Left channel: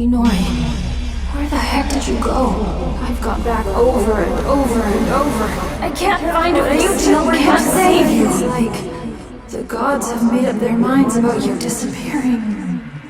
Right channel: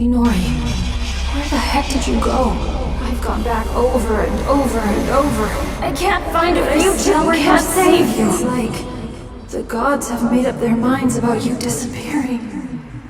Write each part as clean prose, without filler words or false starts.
Inori, where the heck did you go? I've gone back over and over and over. I can't find a future where can't save you. It's like the gods have made up their minds about you disappearing.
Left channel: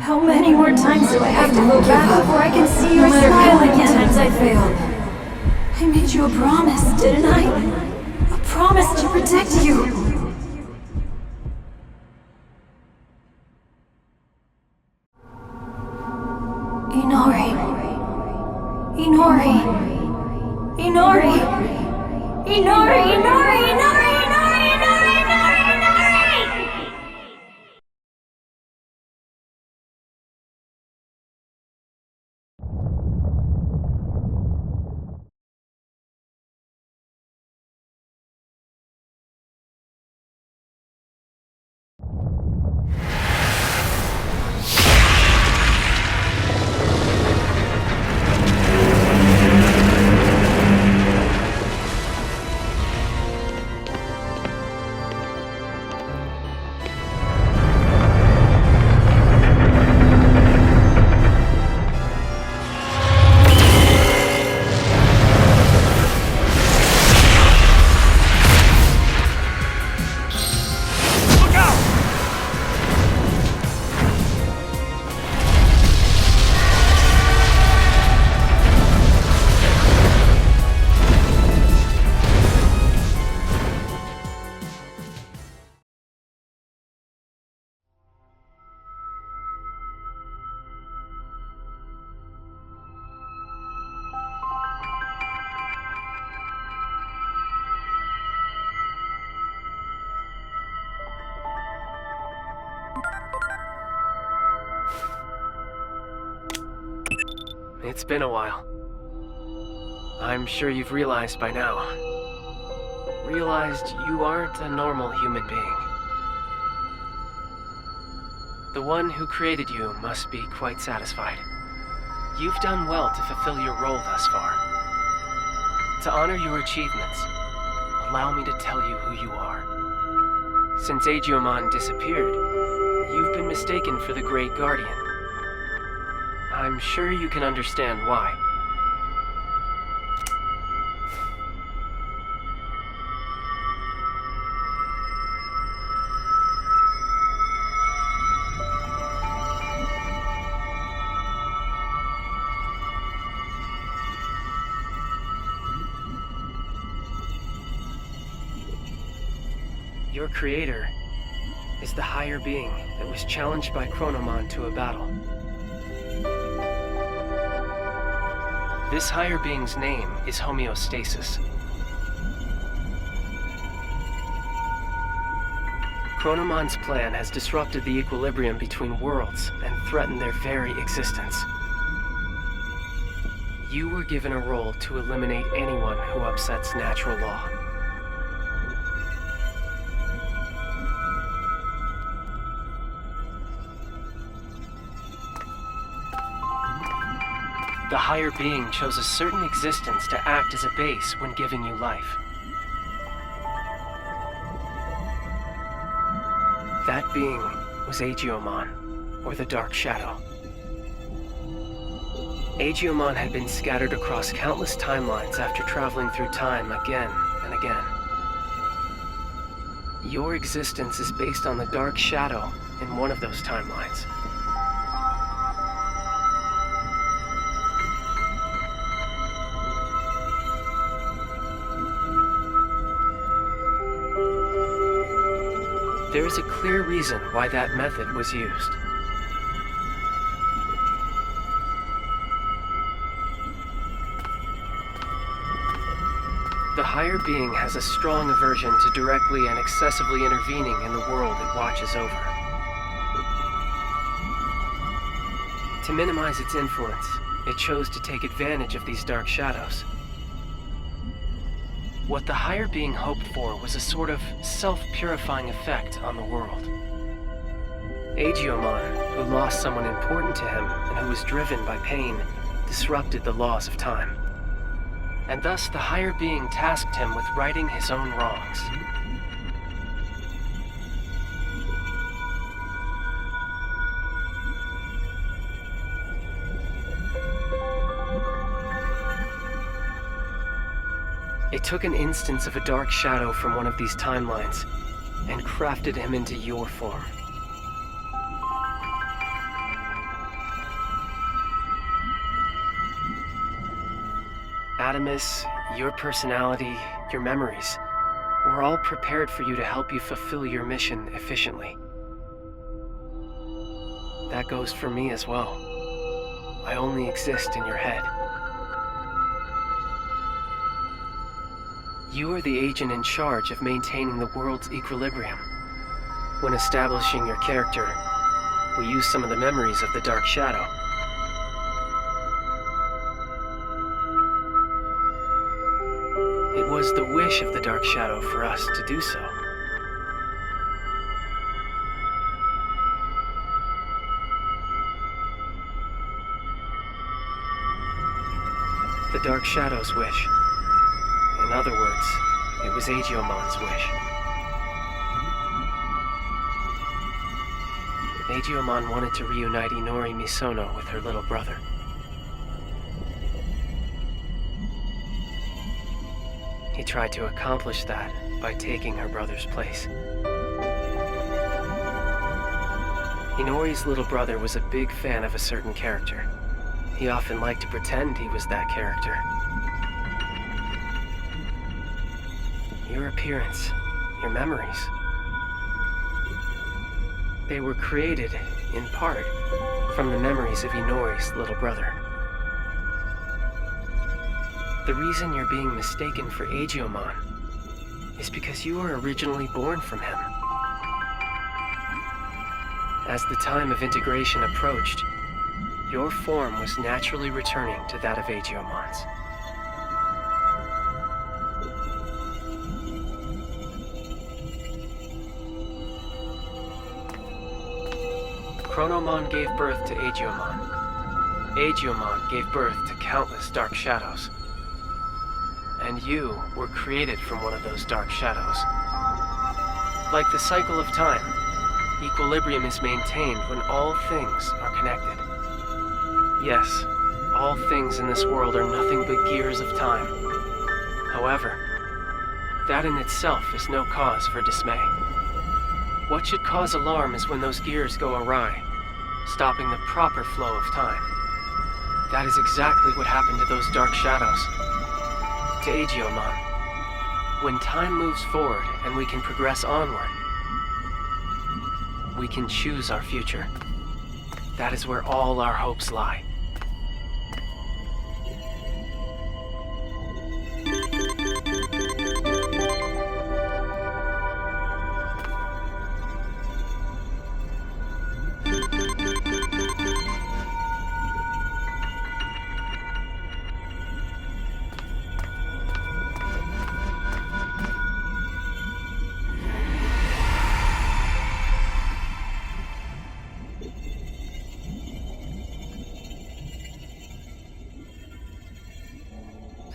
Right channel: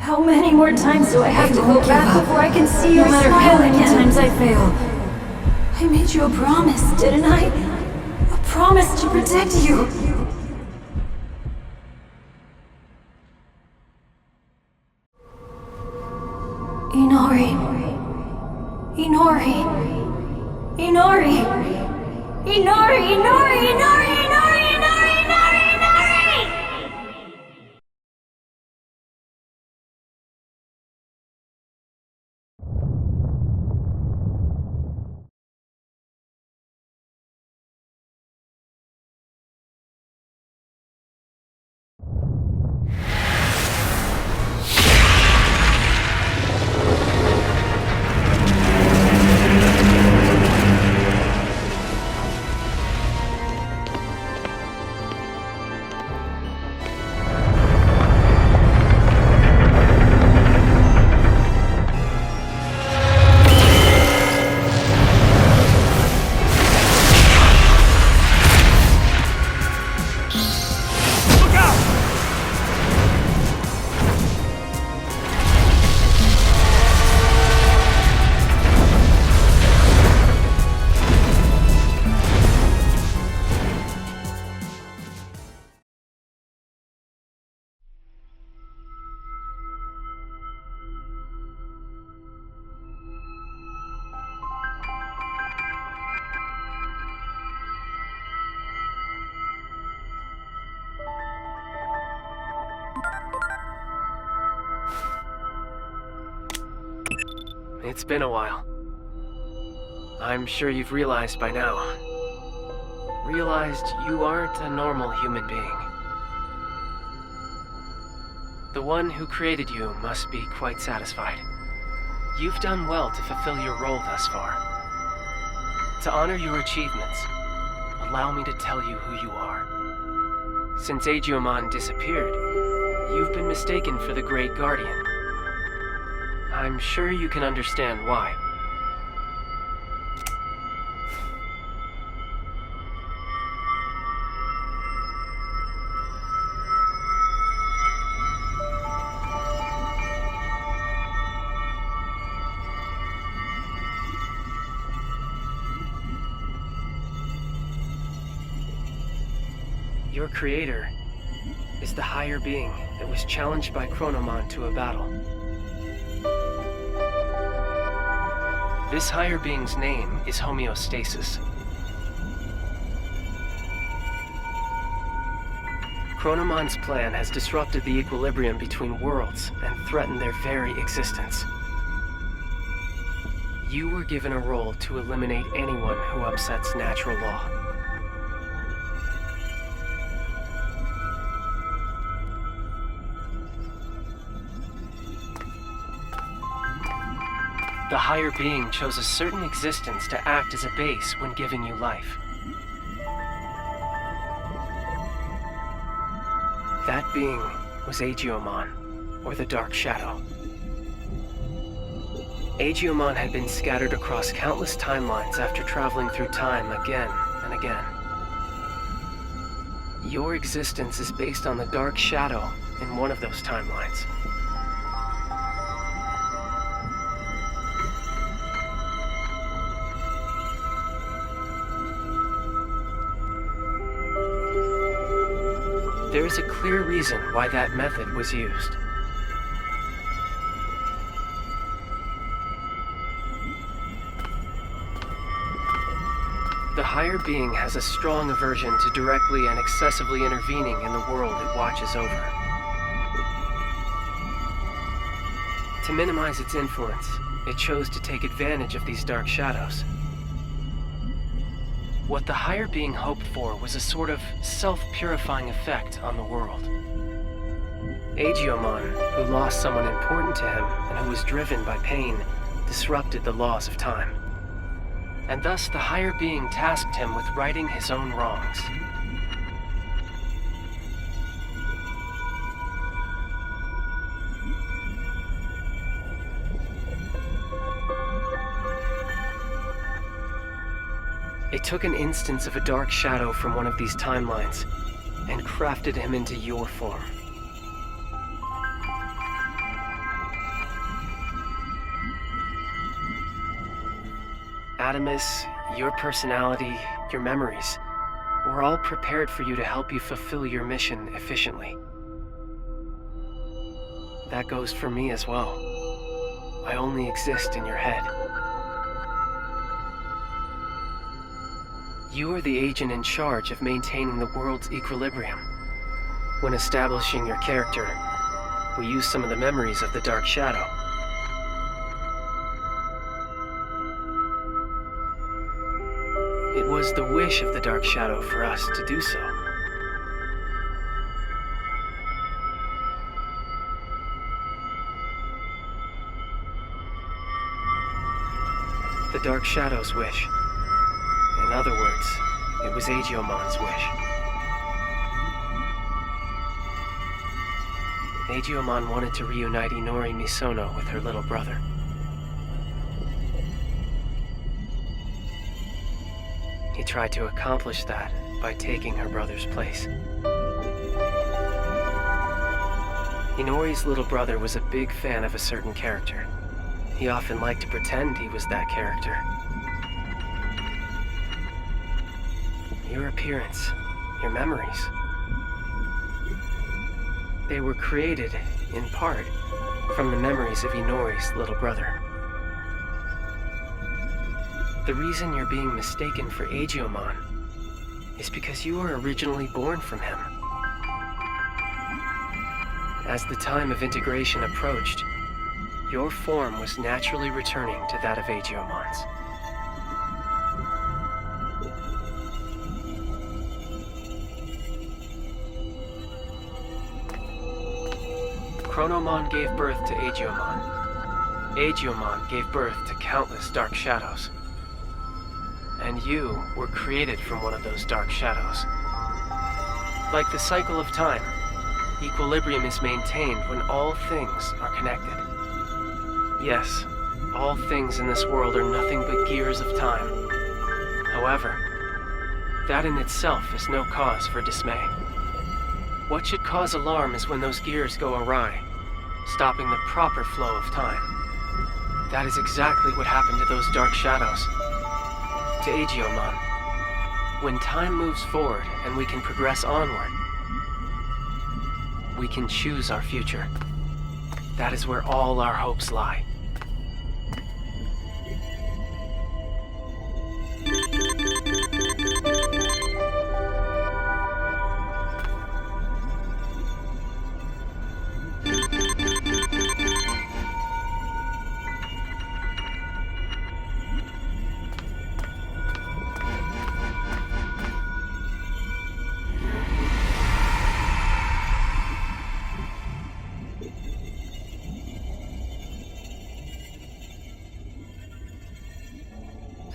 How many more times do I have to go back before I can see your smile again? No matter how many times I fail. I made you a promise, didn't I? A promise to protect you. Inori. Inori. Inori. Inori, Inori, Inori, Inori, Inori, Inori, Inori! It's been a while. I'm sure you've realized by now. Realized you aren't a normal human being. The one who created you must be quite satisfied. You've done well to fulfill your role thus far. To honor your achievements, allow me to tell you who you are. Since Digimon disappeared, you've been mistaken for the Great Guardian. I'm sure you can understand why. Your creator is the higher being that was challenged by Chronomon to a battle. This higher being's name is Homeostasis. Chronomon's plan has disrupted the equilibrium between worlds and threatened their very existence. You were given a role to eliminate anyone who upsets natural law. The higher being chose a certain existence to act as a base when giving you life. That being was Digimon, or the Dark Shadow. Digimon had been scattered across countless timelines after traveling through time again and again. Your existence is based on the Dark Shadow in one of those timelines. There is a clear reason why that method was used. The higher being has a strong aversion to directly and excessively intervening in the world it watches over. To minimize its influence, it chose to take advantage of these dark shadows. What the higher being hoped for was a sort of self-purifying effect on the world. Digimon, who lost someone important to him and who was driven by pain, disrupted the laws of time. And thus the higher being tasked him with righting his own wrongs. It took an instance of a dark shadow from one of these timelines and crafted him into your form. Adamus, your personality, your memories, were all prepared for you to help you fulfill your mission efficiently. That goes for me as well. I only exist in your head. You are the agent in charge of maintaining the world's equilibrium. When establishing your character, we use some of the memories of the Dark Shadow. It was the wish of the Dark Shadow for us to do so. The Dark Shadow's wish. In other words, it was Agiomon's wish. Agiomon wanted to reunite Inori Misono with her little brother. He tried to accomplish that by taking her brother's place. Inori's little brother was a big fan of a certain character. He often liked to pretend he was that character. Your appearance, your memories, they were created, in part, from the memories of Inori's little brother. The reason you're being mistaken for Agiomon is because you were originally born from him. As the time of integration approached, your form was naturally returning to that of Agiomon's. Chronomon gave birth to Agiomon. Agiomon gave birth to countless dark shadows. And you were created from one of those dark shadows. Like the cycle of time, equilibrium is maintained when all things are connected. Yes, all things in this world are nothing but gears of time. However, that in itself is no cause for dismay. What should cause alarm is when those gears go awry, stopping the proper flow of time. That is exactly what happened to those dark shadows. To Agiomon. When time moves forward and we can progress onward, we can choose our future. That is where all our hopes lie.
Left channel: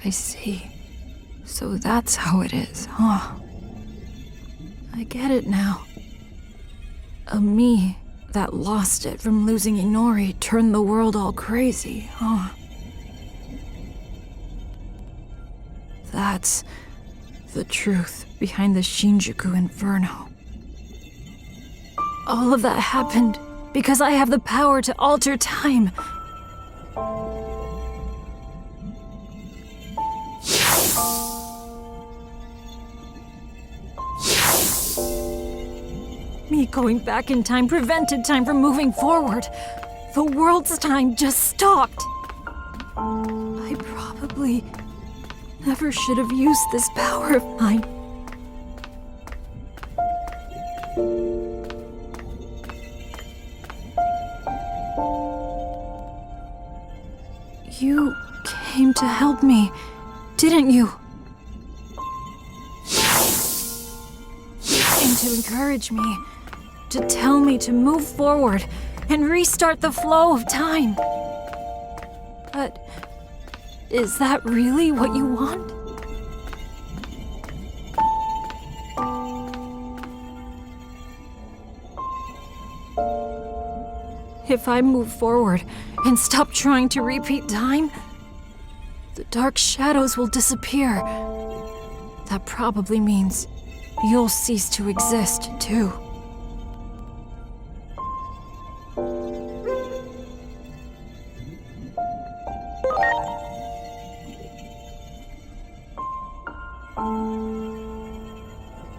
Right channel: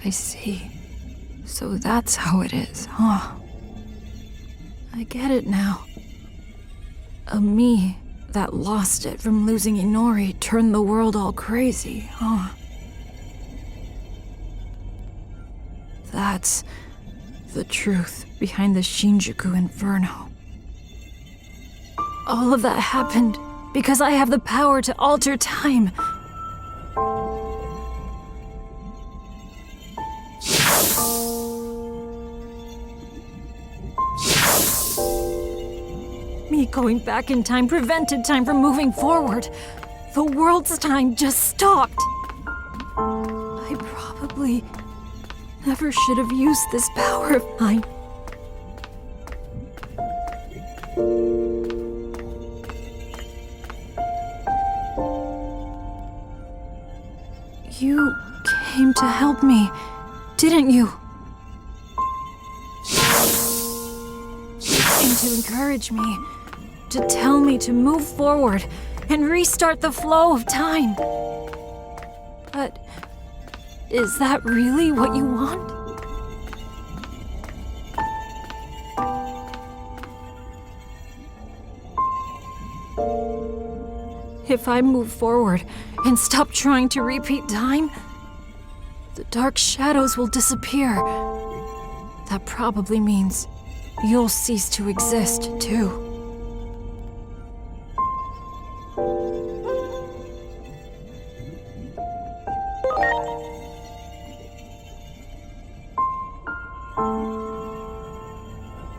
I see. So that's how it is, huh? I get it now. A me that lost it from losing Inori turned the world all crazy, huh? That's the truth behind the Shinjuku Inferno. All of that happened because I have the power to alter time. Me going back in time prevented time from moving forward. The world's time just stopped. I probably never should have used this power of mine. You came to help me, didn't you? You came to encourage me, to tell me to move forward and restart the flow of time. But is that really what you want? If I move forward and stop trying to repeat time, the dark shadows will disappear, That probably means you'll cease to exist, too.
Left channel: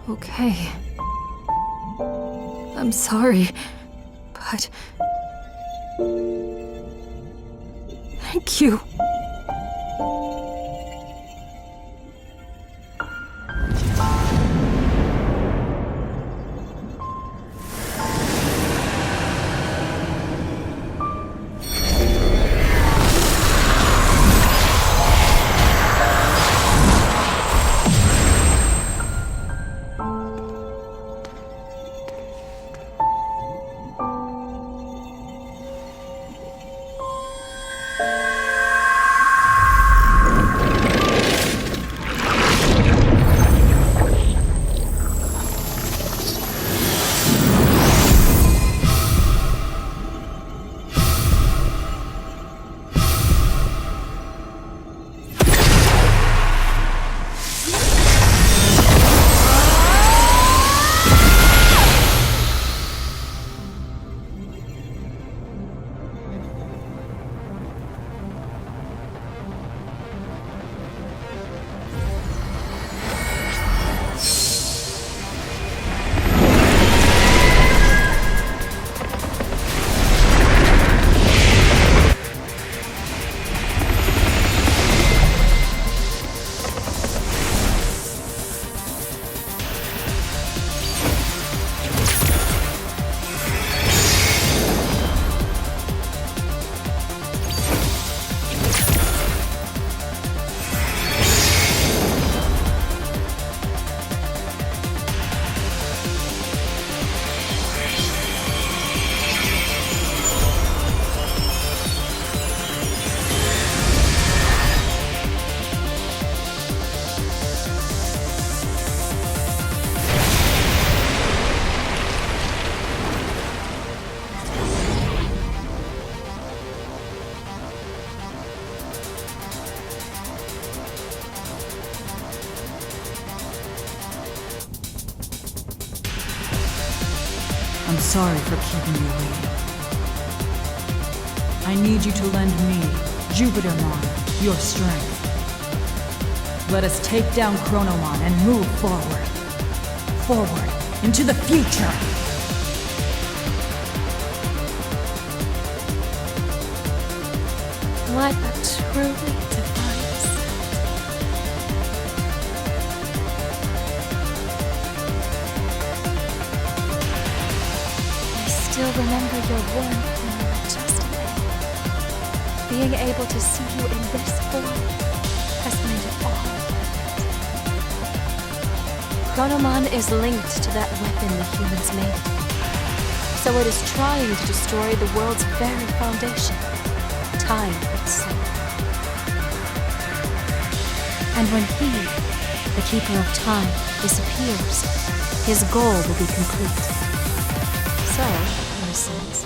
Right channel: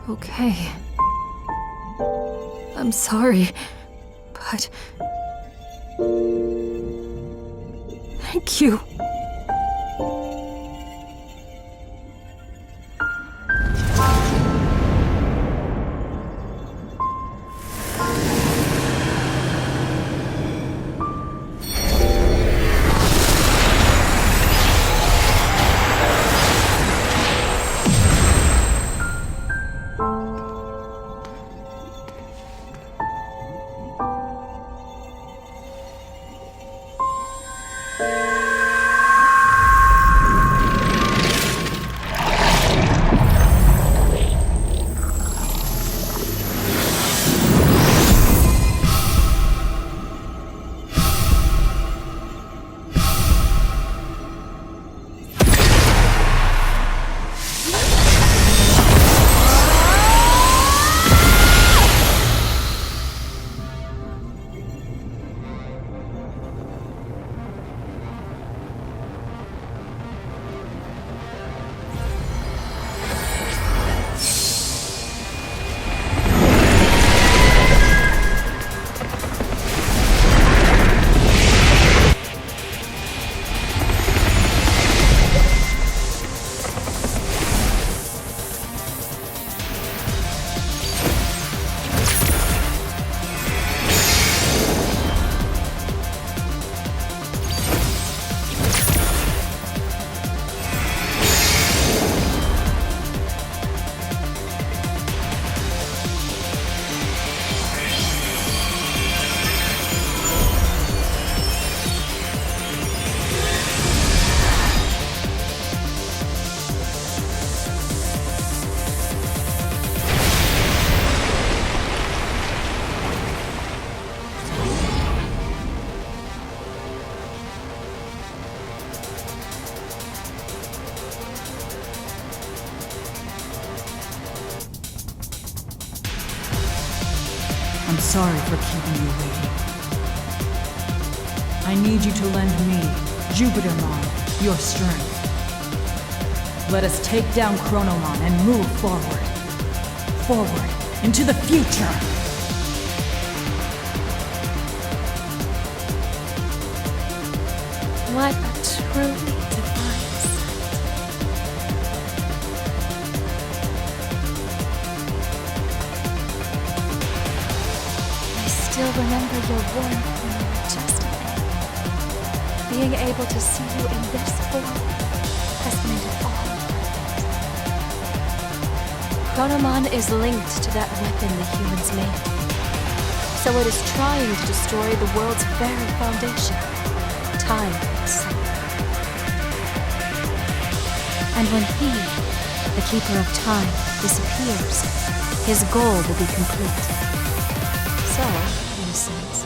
Okay. I'm sorry, but... Thank you. I'm sorry for keeping you waiting. I need you to lend me, Jupitermon, your strength. Let us take down Chronomon and move forward. Forward, into the future! What a truly divine sight. I still remember your warmth when you were just an egg. Being able to see you in this form has made it all worth it. Chronomon is linked to that weapon the humans made. So it is trying to destroy the world's very foundation, time itself. And when he, the Keeper of Time, disappears, his goal will be complete. So, in a sense,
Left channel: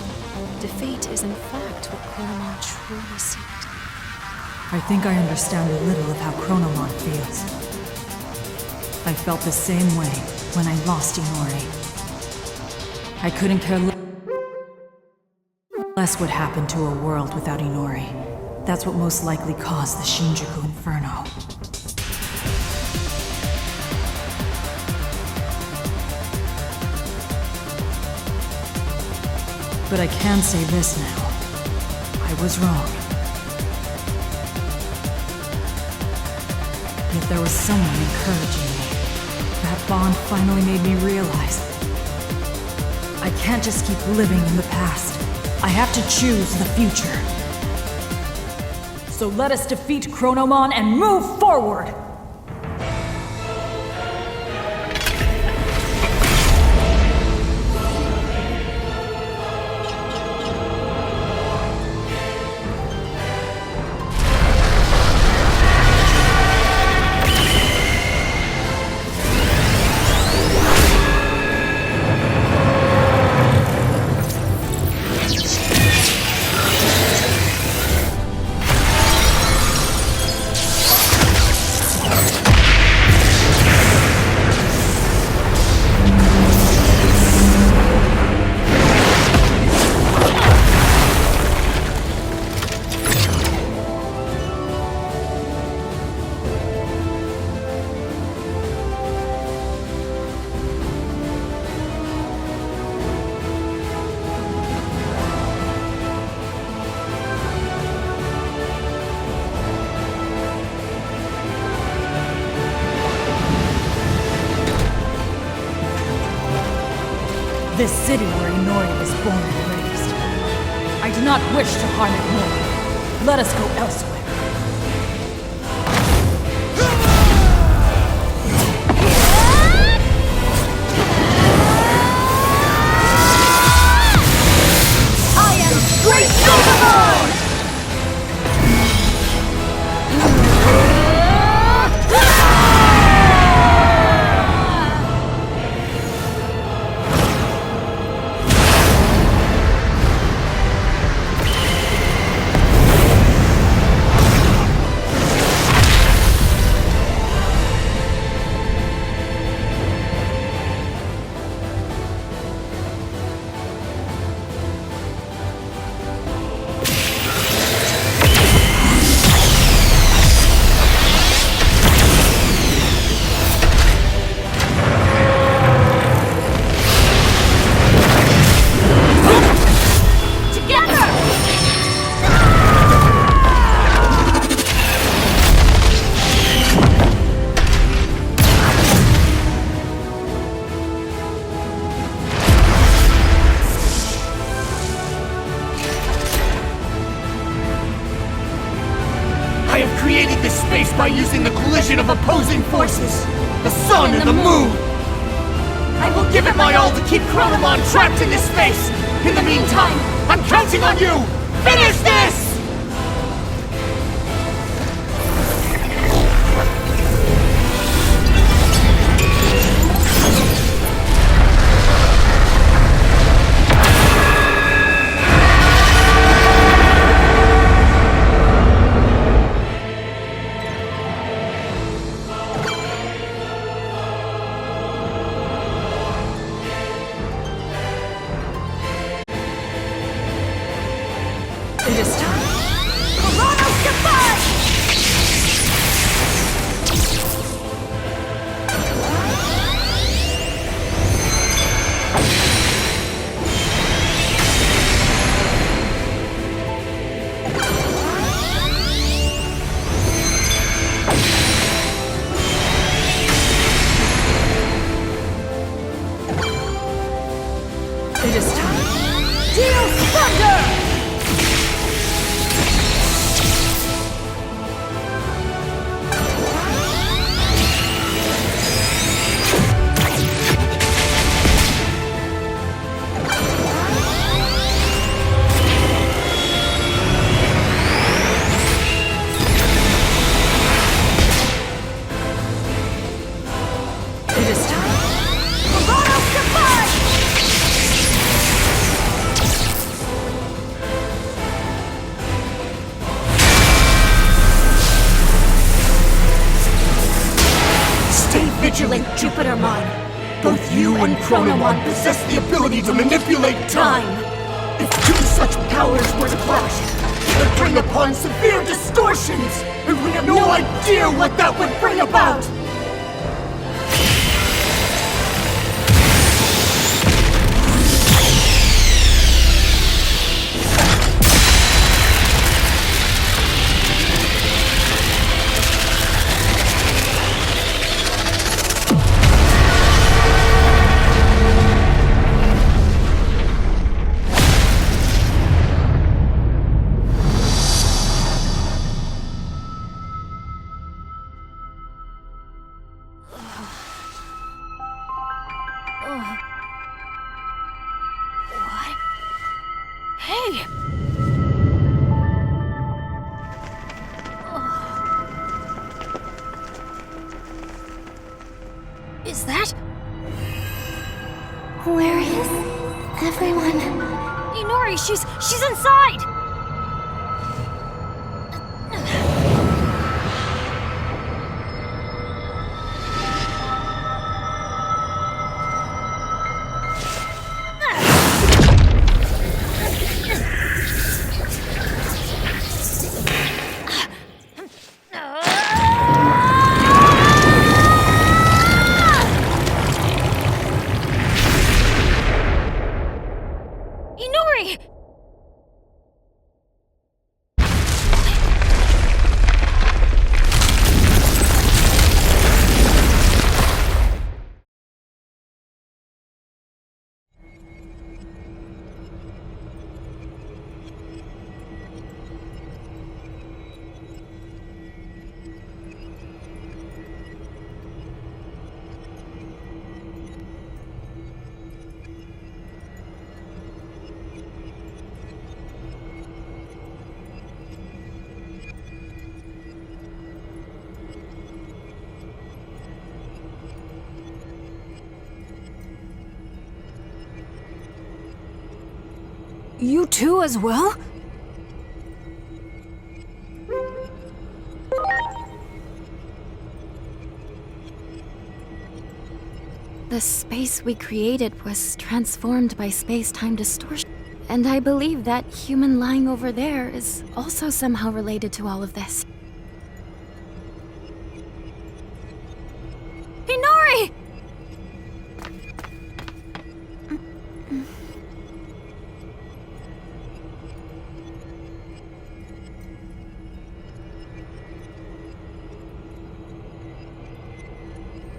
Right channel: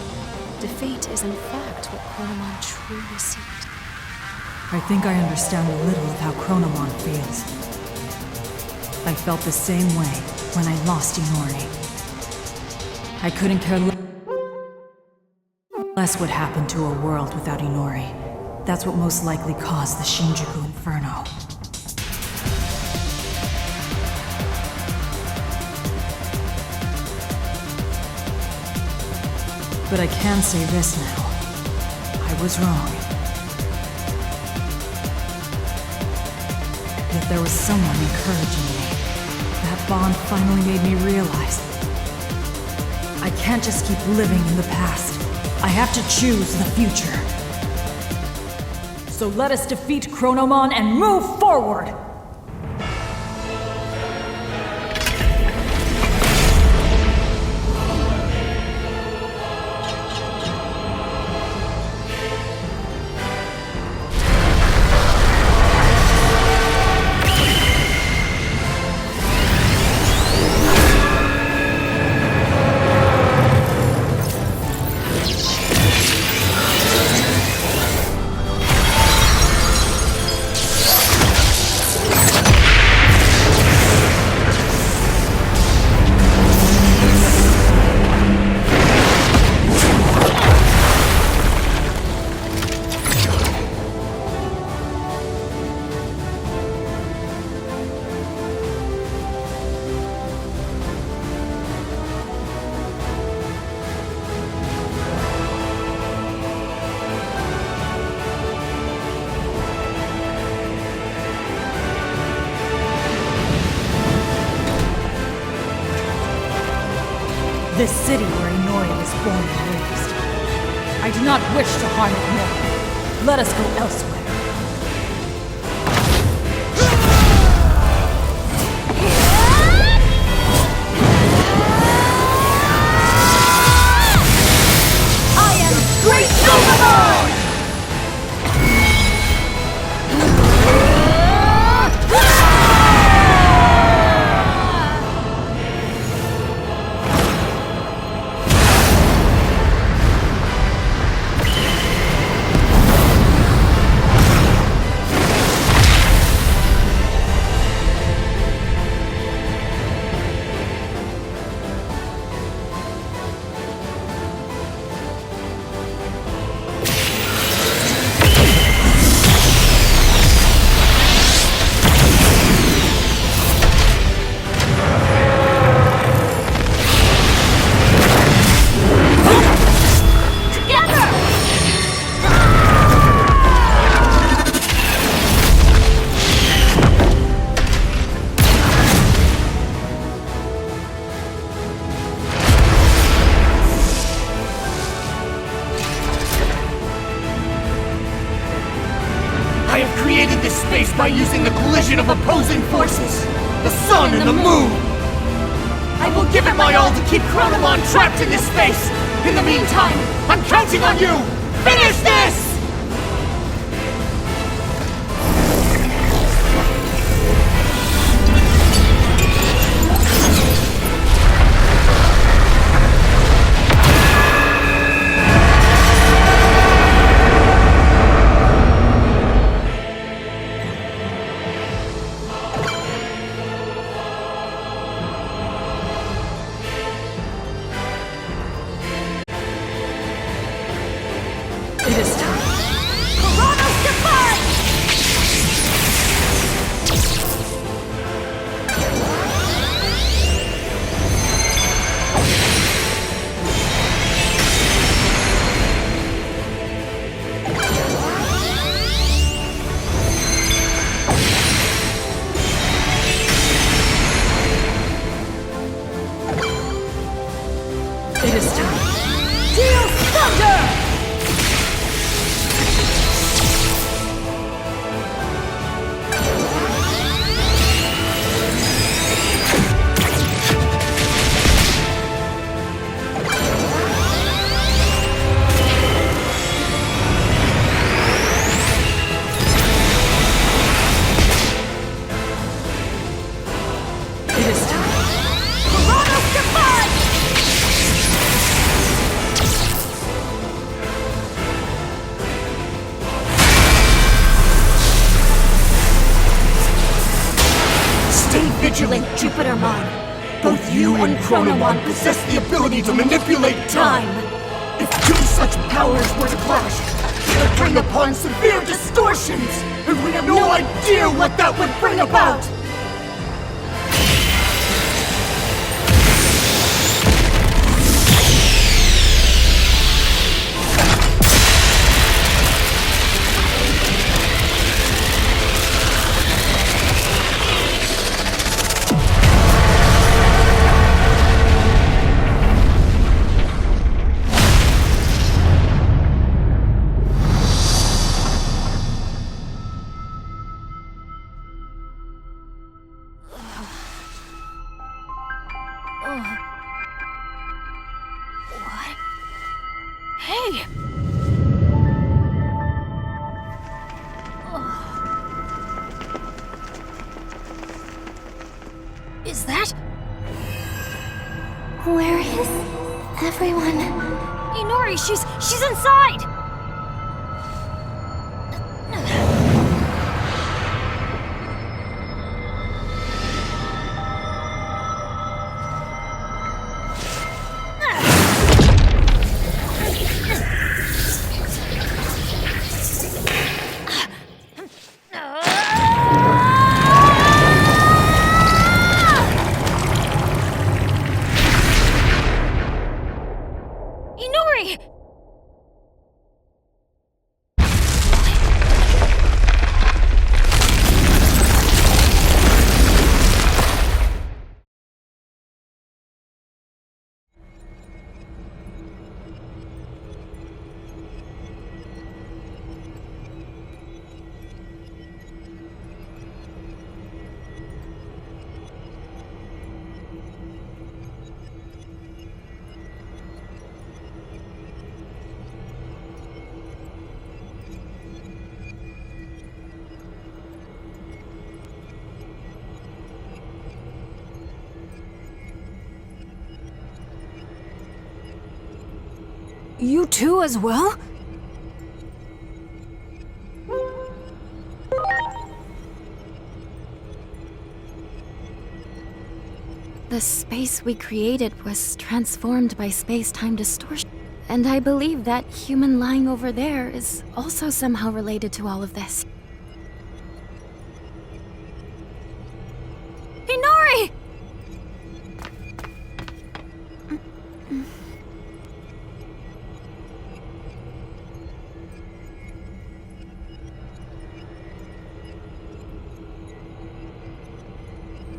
defeat is in fact what Chronomon truly seeks. I think I understand a little of how Chronomon feels. I felt the same way when I lost Inori. I couldn't care less what happened to a world without Inori. That's what most likely caused the Shinjuku Inferno. But I can say this now. I was wrong. Yet there was someone encouraging me. That bond finally made me realize I can't just keep living in the past. I have to choose the future. So let us defeat Chronomon and move forward! This city where Inori was born and raised. I do not wish to harm it more. Let us go elsewhere. I am Great Digimon! I have created this space by using the collision of opposing forces, the sun and the moon. I will give it my all to keep Chronomon trapped in this space. In the meantime, I'm counting on you! Finish this! It is time. Coronos Defy! It is time. Deal Thunder! It is time. Coronos Defy! Stay vigilant, Jupitermon. Both you and Chronomon possess the ability to manipulate time. If two such powers were to clash, it would bring upon severe distortions, and we have no idea what that would bring about. What? Hey! Is that? Where is everyone? Inori, she's inside! Inori! You too as well? The space we created was transformed by space-time distortion. And I believe that human lying over there is also somehow related to all of this. Inori!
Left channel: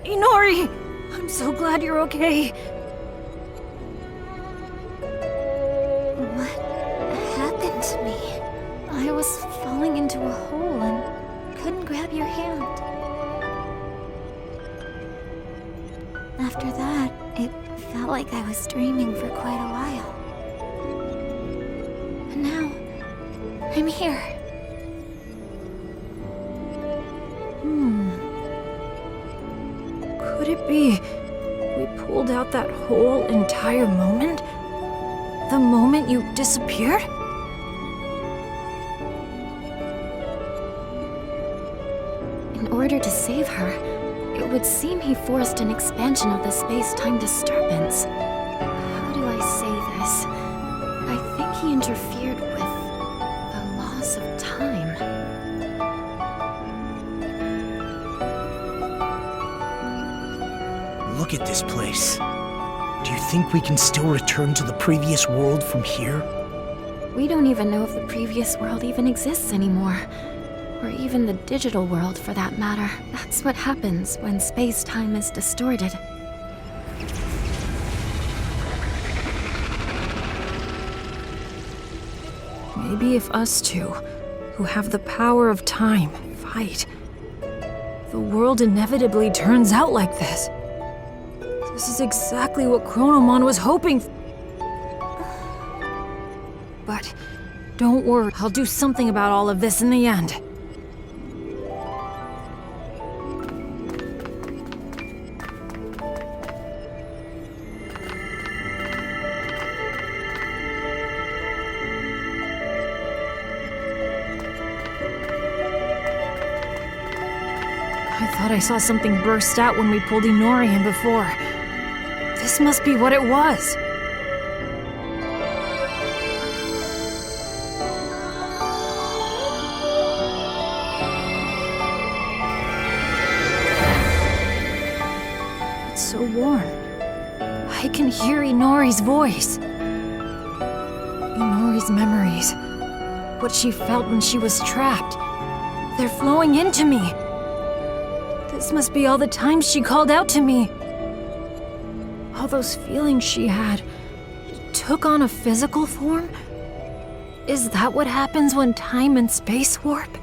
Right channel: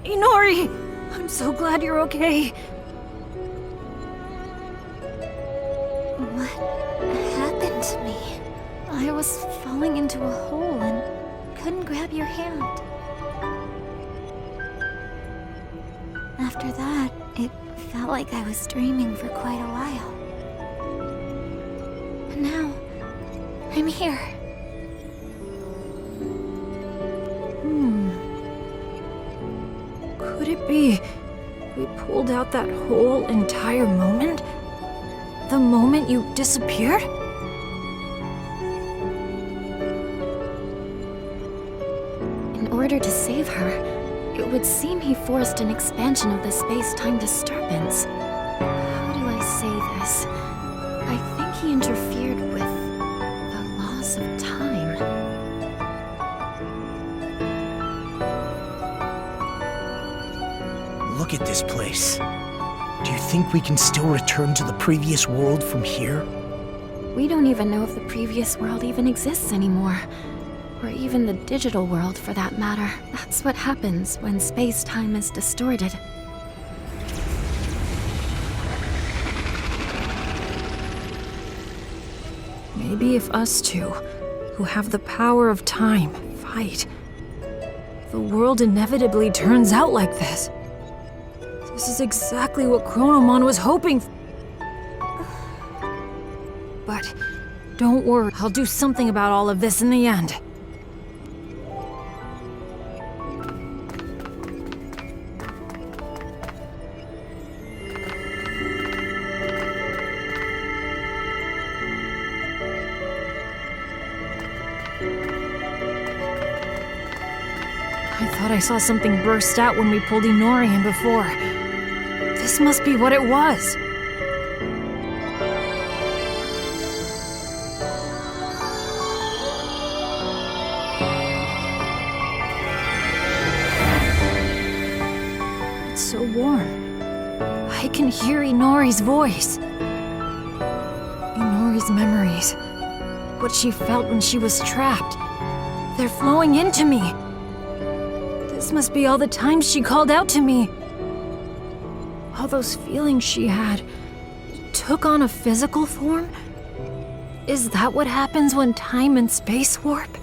Inori! I'm so glad you're okay. What happened to me? I was falling into a hole and couldn't grab your hand. After that, it felt like I was dreaming for quite a while. And now, I'm here. Could it be we pulled out that whole entire moment? The moment you disappeared? In order to save her, it would seem he forced an expansion of the space-time disturbance. How do I say this? I think he interfered with the loss of time. Look at this place. Do you think we can still return to the previous world from here? We don't even know if the previous world even exists anymore. Or even the digital world, for that matter. That's what happens when space-time is distorted. Maybe if us two, who have the power of time, fight, the world inevitably turns out like this. This is exactly what Chronomon was hoping for. But don't worry, I'll do something about all of this in the end. I thought I saw something burst out when we pulled Inori in before. This must be what it was. It's so warm. I can hear Inori's voice. Inori's memories. What she felt when she was trapped. They're flowing into me. This must be all the times she called out to me. All those feelings she had took on a physical form? Is that what happens when time and space warp?